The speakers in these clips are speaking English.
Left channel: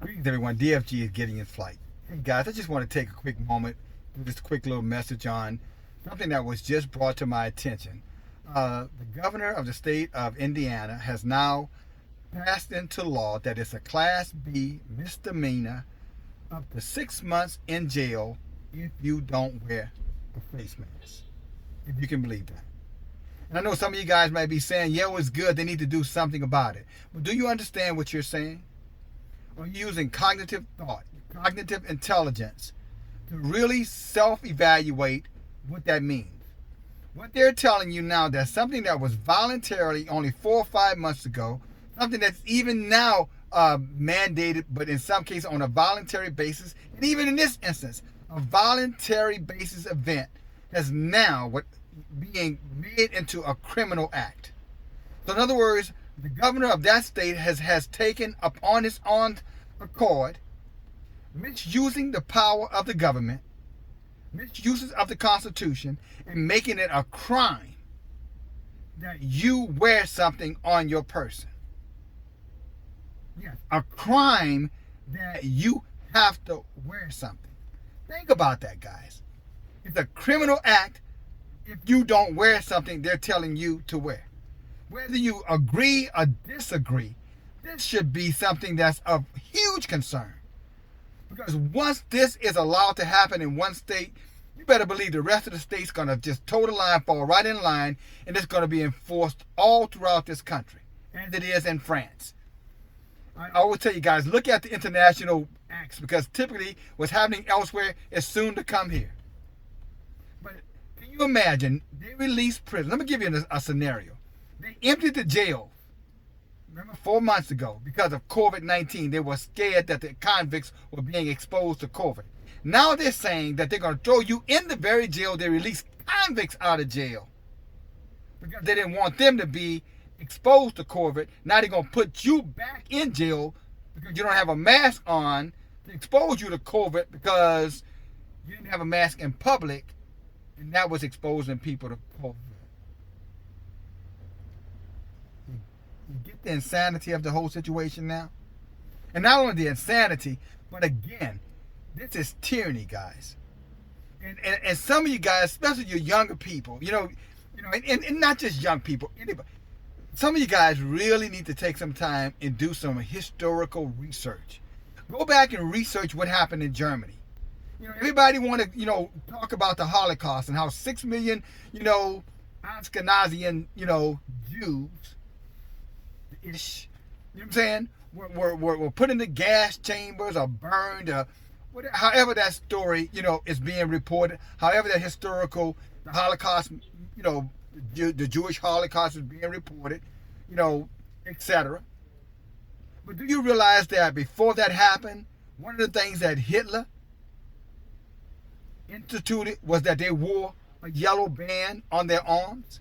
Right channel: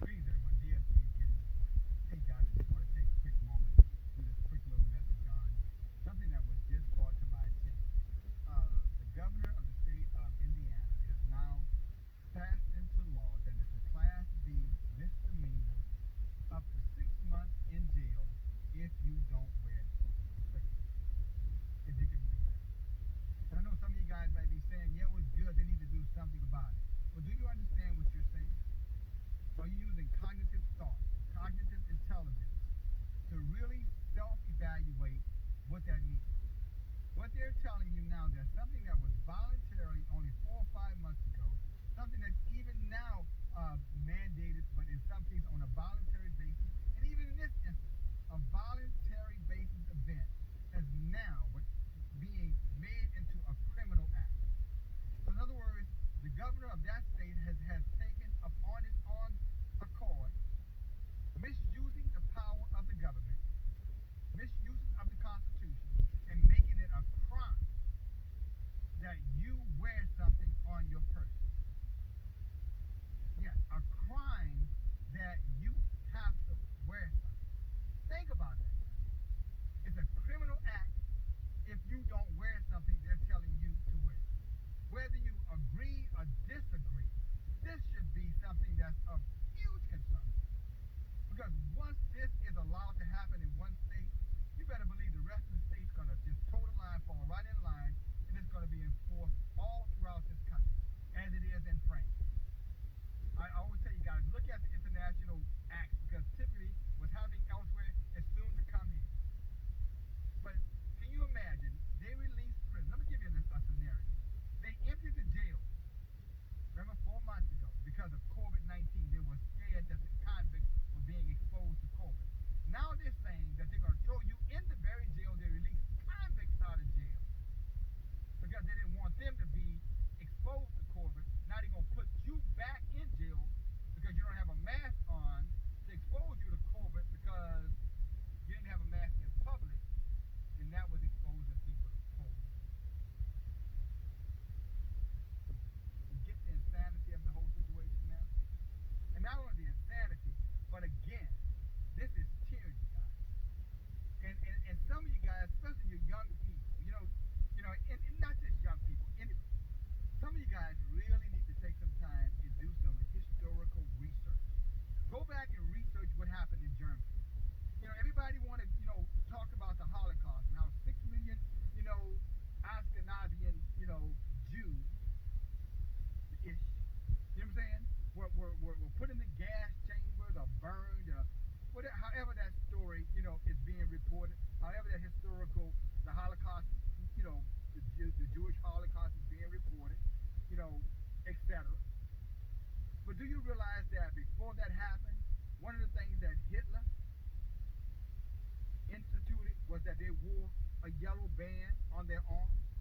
Greetings, everyone. DFG is getting in flight. Hey, guys, I just want to take a quick moment, just a quick little message on something that was just brought to my attention. The governor of the state of Indiana has now passed into law that it's a Class B misdemeanor up to 6 months in jail if you don't wear a face mask. If you can believe that. And I know some of you guys might be saying, yeah, it's good. They need to do something about it. But do you understand what you're saying? Are you using cognitive thought, cognitive intelligence to really self-evaluate what that means? What they're telling you now, that something that was voluntarily only 4 or 5 months ago, something that's even now mandated, but in some cases on a voluntary basis, and even in this instance, a voluntary basis event has now being made into a criminal act. So in other words, the governor of that state has taken upon his own accord, misusing the power of the government, misuses of the Constitution, and making it a crime that you wear something on your person. Yes, a crime that you have to wear something. Think about that, guys. It's a criminal act if you don't wear something they're telling you to wear. Whether you agree or disagree, this should be something that's of huge concern. Because once this is allowed to happen in one state, you better believe the rest of the state's going to just toe the line, fall right in line, and it's going to be enforced all throughout this country, as it is in France. I always tell you guys, look at the international acts, because typically what's happening elsewhere is soon to come here. But can you imagine, they release prison. Let me give you a scenario. They emptied the jail, remember, 4 months ago because of COVID-19. They were scared that the convicts were being exposed to COVID. Now they're saying that they're going to throw you in the very jail they released convicts out of jail because they didn't want them to be exposed to COVID. Now they're going to put you back in jail because you don't have a mask on to expose you to COVID because you didn't have a mask in public, and that was exposing people to COVID. You get the insanity of the whole situation now? And not only the insanity, but again, this is tyranny, guys. And some of you guys, especially your younger people, and not just young people, anybody. Some of you guys really need to take some time and do some historical research. Go back and research what happened in Germany. Everybody want to, talk about the Holocaust and how 6 million, Ashkenazian, Jews, ish, you know what I'm saying, were put in the gas chambers or burned, or whatever, however that story, is being reported, however that the Holocaust, the Jewish Holocaust is being reported, etc. But do you realize that before that happened, one of the things that Hitler instituted was that they wore a yellow band on their arms?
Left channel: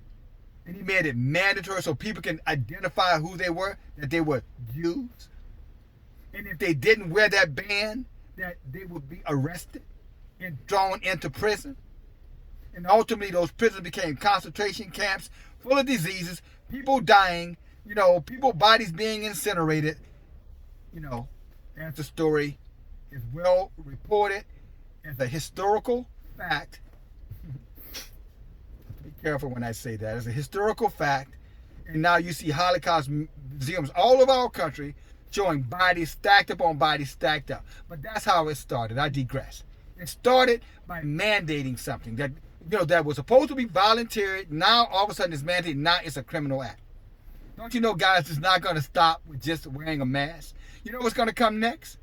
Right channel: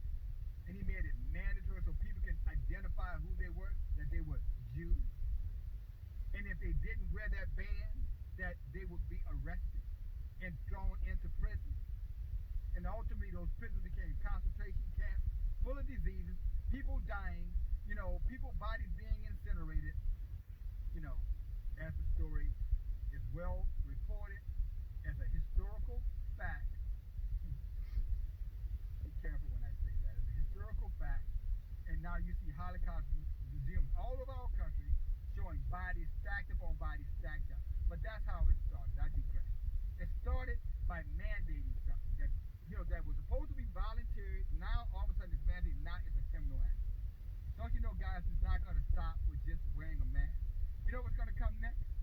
And he made it mandatory so people can identify who they were, that they were Jews. And if they didn't wear that band, that they would be arrested and thrown into prison. And ultimately, those prisons became concentration camps full of diseases, people dying, people bodies being incinerated. As the story is well reported as a historical fact. Be careful when I say that. It's a historical fact. And now you see Holocaust museums all over our country showing bodies stacked up on bodies stacked up. But that's how it started. I digress. It started by mandating something that that was supposed to be voluntary. Now all of a sudden it's mandated. Now it's a criminal act. Don't you know, guys, it's not going to stop with just wearing a mask. You know what's going to come next?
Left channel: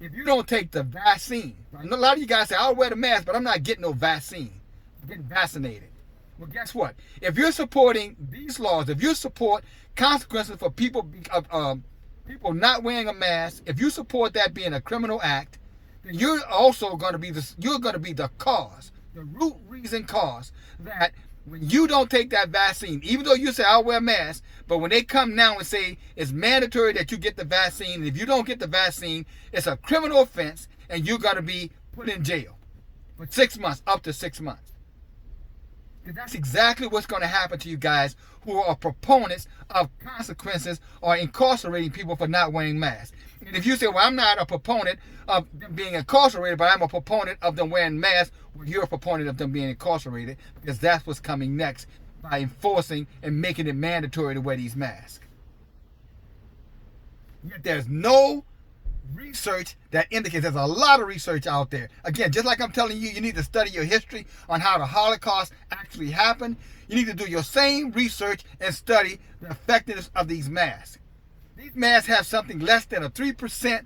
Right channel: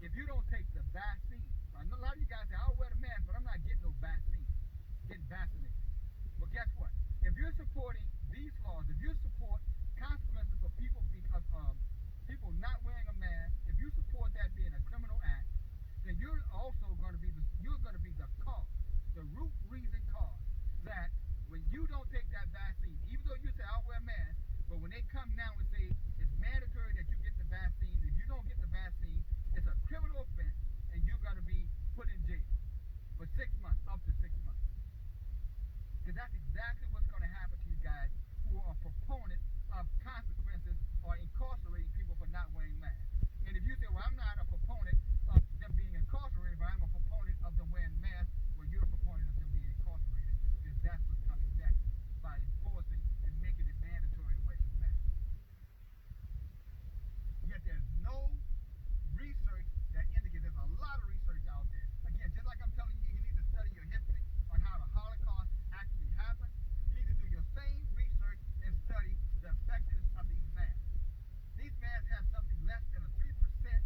If you don't take the vaccine. A lot of you guys say, I'll wear the mask, but I'm not getting no vaccine. I'm getting vaccinated. Well, guess what? If you're supporting these laws, if you support consequences for people not wearing a mask, if you support that being a criminal act, then you're also going to be the cause, the root reason cause that when you don't take that vaccine, even though you say I'll wear a mask, but when they come now and say it's mandatory that you get the vaccine, and if you don't get the vaccine, it's a criminal offense, and you're going to be put in jail for 6 months, up to 6 months. And that's exactly what's going to happen to you guys who are proponents of consequences or incarcerating people for not wearing masks. And if you say, well, I'm not a proponent of them being incarcerated, but I'm a proponent of them wearing masks, well, you're a proponent of them being incarcerated, because that's what's coming next by enforcing and making it mandatory to wear these masks. Yet there's no research that indicates, there's a lot of research out there. Again, just like I'm telling you, you need to study your history on how the Holocaust actually happened. You need to do your same research and study the effectiveness of these masks. These masks have something less than a 3%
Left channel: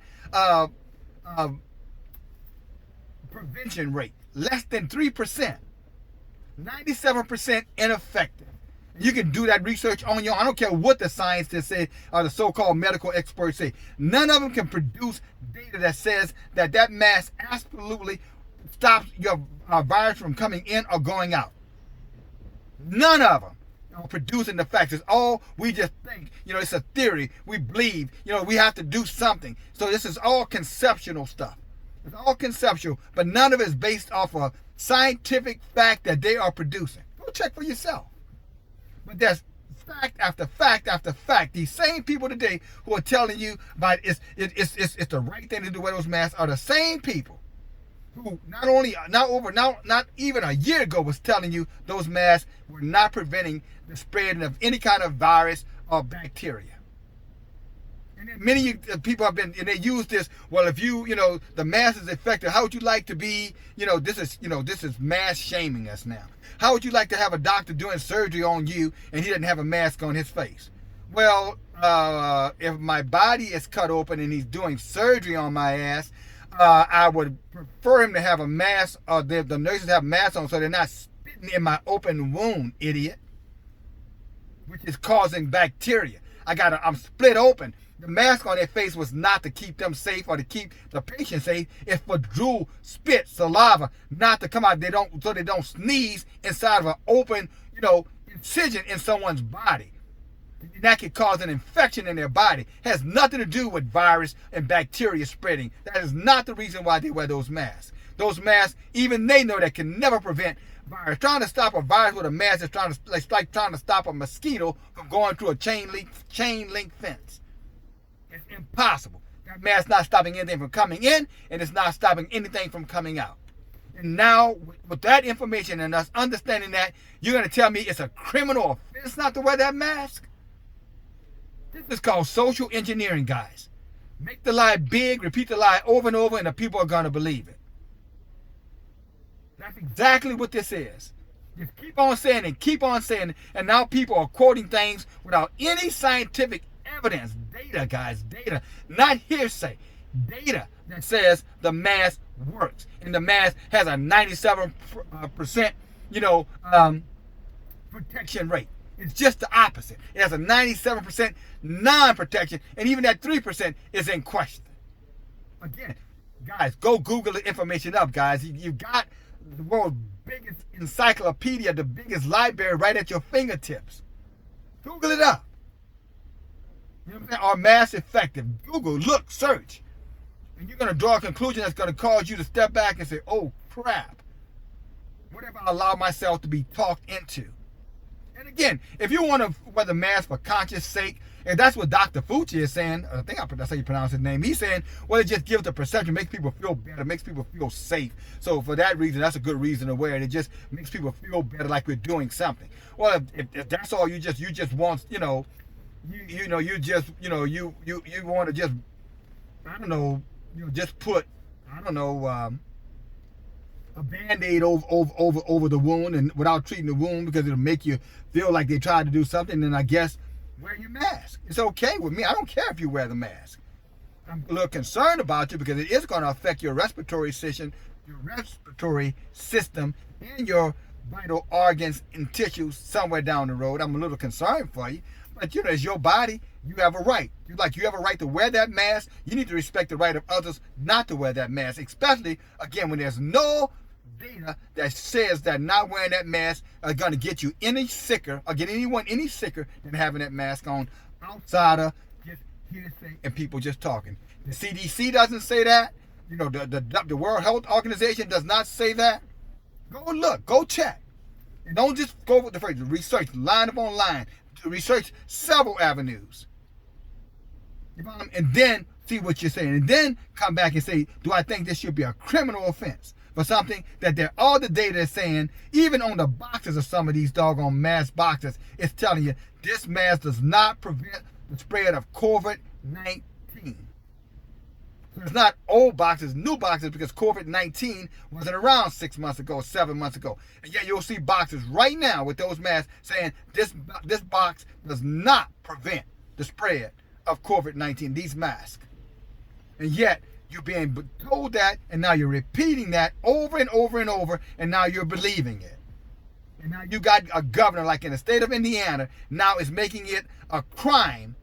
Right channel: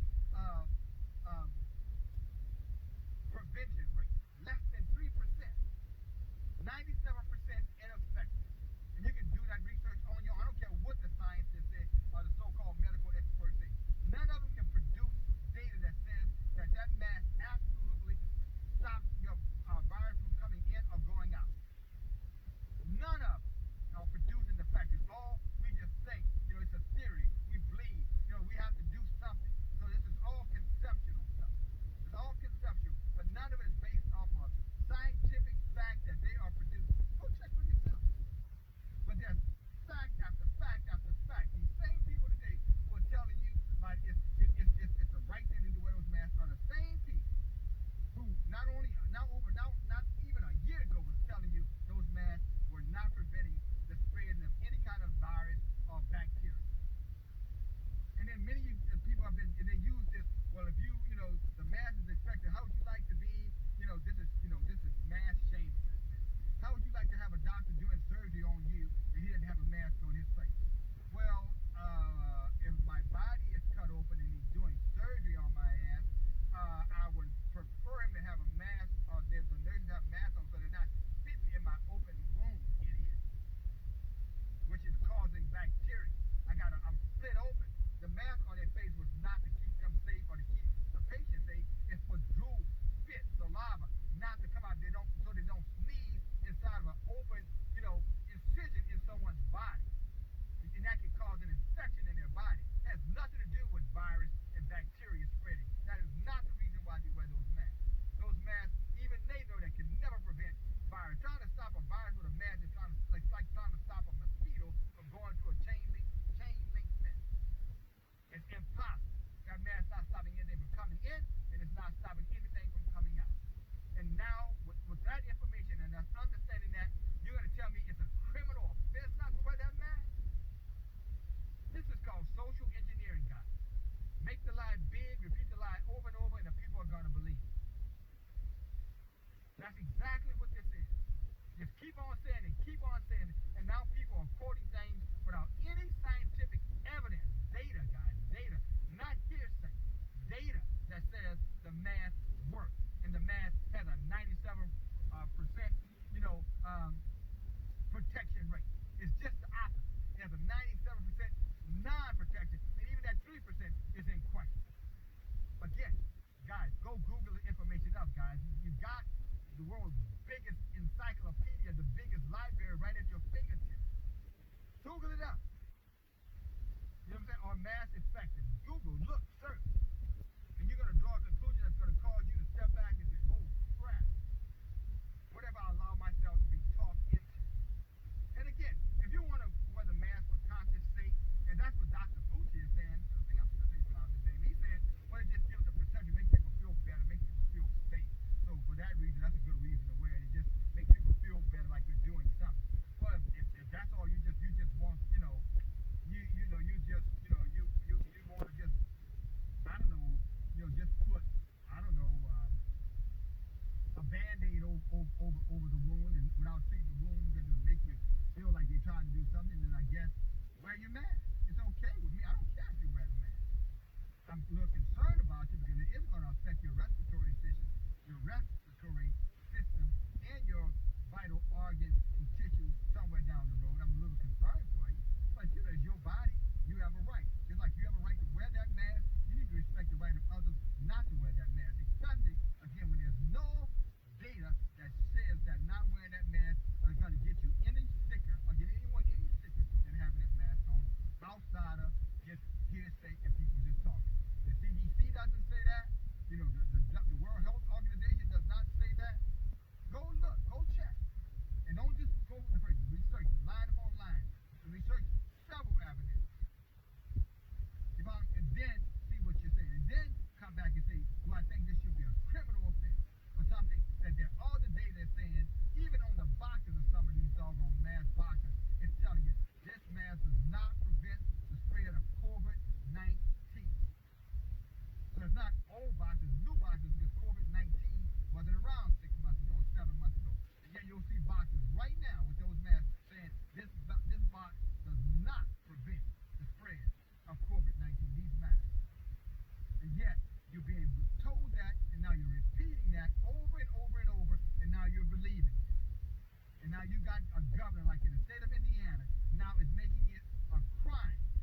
prevention rate. Less than 3%. 97% ineffective. You can do that research on your own. I don't care what the scientists say or the so-called medical experts say. None of them can produce data that says that that mask absolutely stops your virus from coming in or going out. None of them are producing the facts. It's all we just think. It's a theory. We believe. We have to do something. So this is all conceptual stuff. It's all conceptual, but none of it is based off a scientific fact that they are producing. Go check for yourself. But there's fact after fact after fact. These same people today who are telling you about it's the right thing to do wear those masks are the same people who not even a year ago was telling you those masks were not preventing the spreading of any kind of virus or bacteria. And then many people have been, and they use this, well, if the mask is effective, how would you like to be, this is mass shaming us now. How would you like to have a doctor doing surgery on you and he doesn't have a mask on his face? Well, if my body is cut open and he's doing surgery on my ass, I would prefer him to have a mask, or the nurses have masks on so they're not spitting in my open wound, idiot, which is causing bacteria. I'm split open. The mask on their face was not to keep them safe or to keep the patient safe. It's for drool, spit, saliva, not to come out. So they don't sneeze inside of an open, incision in someone's body. That could cause an infection in their body. It has nothing to do with virus and bacteria spreading. That is not the reason why they wear those masks. Those masks, even they know that can never prevent virus. Trying to stop a virus with a mask is like trying to stop a mosquito from going through a chain link fence. It's impossible. That mask not stopping anything from coming in, and it's not stopping anything from coming out. And now, with that information and us understanding that, you're going to tell me it's a criminal offense not to wear that mask? This is called social engineering, guys. Make the lie big, repeat the lie over and over, and the people are going to believe it. That's exactly what this is. Just keep on saying it, keep on saying it, and now people are quoting things without any scientific evidence. Data, guys, data, not hearsay. Data that says the mask works, and the mask has a 97% protection rate. It's just the opposite. It has a 97% non-protection, and even that 3% is in question. Again, guys, go Google the information up, guys. You got the world's biggest encyclopedia, the biggest library right at your fingertips. Google it up. You know what I'm saying? Are masks effective? Google, look, search. And you're going to draw a conclusion that's going to cause you to step back and say, oh, crap. What have I allowed myself to be talked into? And again, if you want to wear the mask for conscience sake, and that's what Dr. Fauci is saying, I think that's how you pronounce his name. He's saying, well, it just gives the perception, makes people feel better, makes people feel safe. So for that reason, that's a good reason to wear it. It just makes people feel better, like we're doing something. Well, if that's all you just want, you want to just, I don't know, just put, I don't know, a Band-Aid over the wound and without treating the wound because it'll make you feel like they tried to do something, then I guess wear your mask. It's okay with me. I don't care if you wear the mask. I'm a little concerned about you because it is going to affect your respiratory system, and your vital organs and tissues somewhere down the road. I'm a little concerned for you, but it's your body. You have a right. You have a right to wear that mask. You need to respect the right of others not to wear that mask, especially, again, when there's no data that says that not wearing that mask are going to get you any sicker or get anyone any sicker than having that mask on outside of just hearsay and people just talking. The CDC doesn't say that. The World Health Organization does not say that. Go look. Go check. And don't just go with the phrase. Research line upon line. Research several avenues. And then see what you're saying, and then come back and say, do I think this should be a criminal offense for something that all the data is saying, even on the boxes of some of these doggone mask boxes, it's telling you this mask does not prevent the spread of COVID-19. So it's not old boxes, new boxes, because COVID-19 wasn't around 6 months ago, 7 months ago. And yet you'll see boxes right now with those masks saying this box does not prevent the spread of COVID-19, these masks. And yet you're being told that, and now you're repeating that over and over and over, and now you're believing it. And now you got a governor like in the state of Indiana now is making it a crime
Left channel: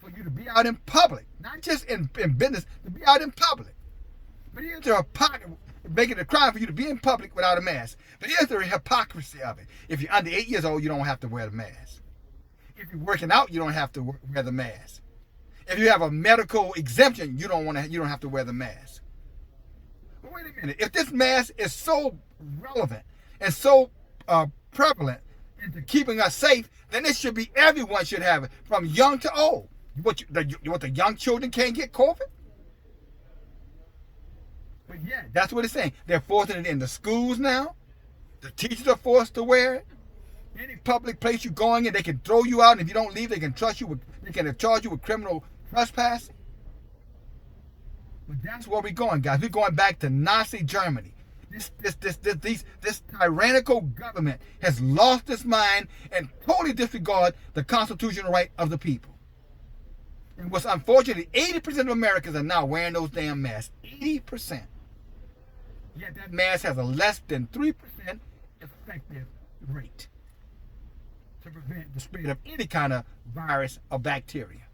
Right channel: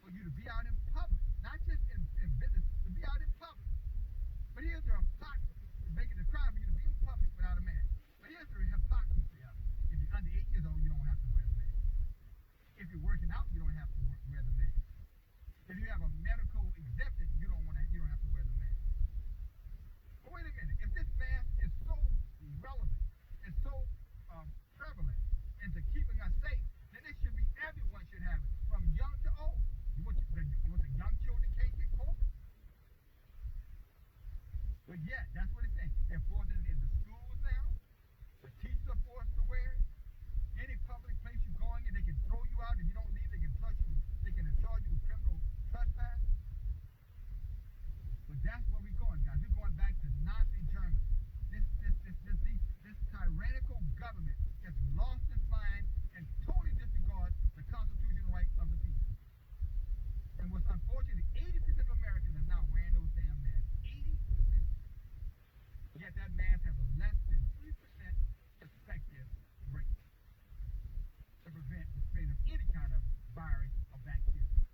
for you to be out in public, not just in business, to be out in public. But here's the hypocrisy, making it a crime for you to be in public without a mask. But here's the hypocrisy of it. If you're under 8 years old, you don't have to wear the mask. If you're working out, you don't have to wear the mask. If you have a medical exemption, you don't have to wear the mask. But wait a minute. If this mask is so relevant and so prevalent into keeping us safe, then it should be everyone should have it, from young to old. The young children can't get COVID? But yeah, that's what it's saying. They're forcing it in the schools now. The teachers are forced to wear it. Any public place you're going in, they can throw you out, and if you don't leave, they can charge you with criminal trespassing. But that's where we're going, guys. We're going back to Nazi Germany. This tyrannical government has lost its mind and totally disregard the constitutional right of the people. And what's unfortunate, 80% of Americans are now wearing those damn masks. 80%. Yet that mask has a less than 3% effective rate to prevent the spread of any kind of virus or bacteria.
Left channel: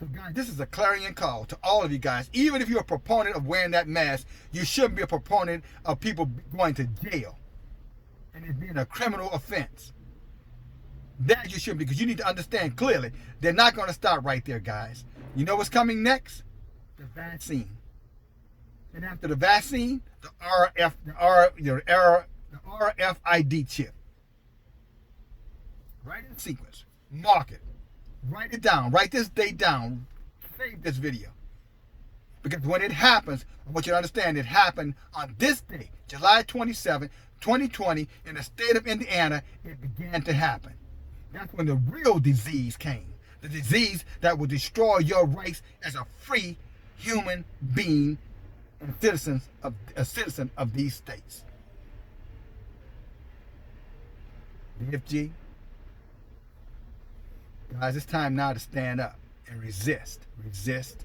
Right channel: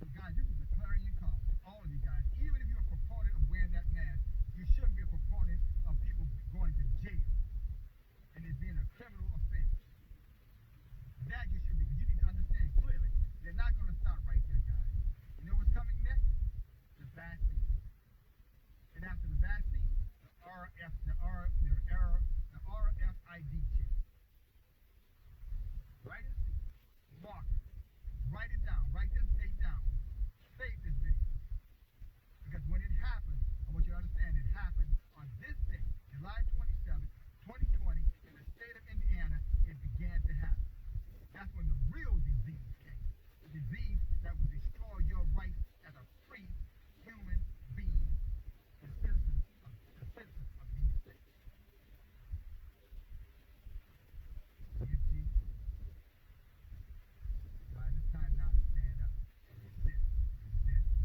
So guys, this is a clarion call to all of you guys. Even if you're a proponent of wearing that mask, you shouldn't be a proponent of people going to jail and it being a criminal offense. That you shouldn't, because you need to understand clearly, they're not going to stop right there, guys. You know what's coming next? The vaccine. And after the vaccine, the RFID chip. Write in sequence. Mark it. Write it down. Write this date down. Save this video. Because when it happens, I want you to understand it happened on this day, July 27, 2020, in the state of Indiana. It began to happen. That's when the real disease came. The disease that will destroy your rights as a free human being and a citizen of these states. BFG. Guys, it's time now to stand up and resist. Resist.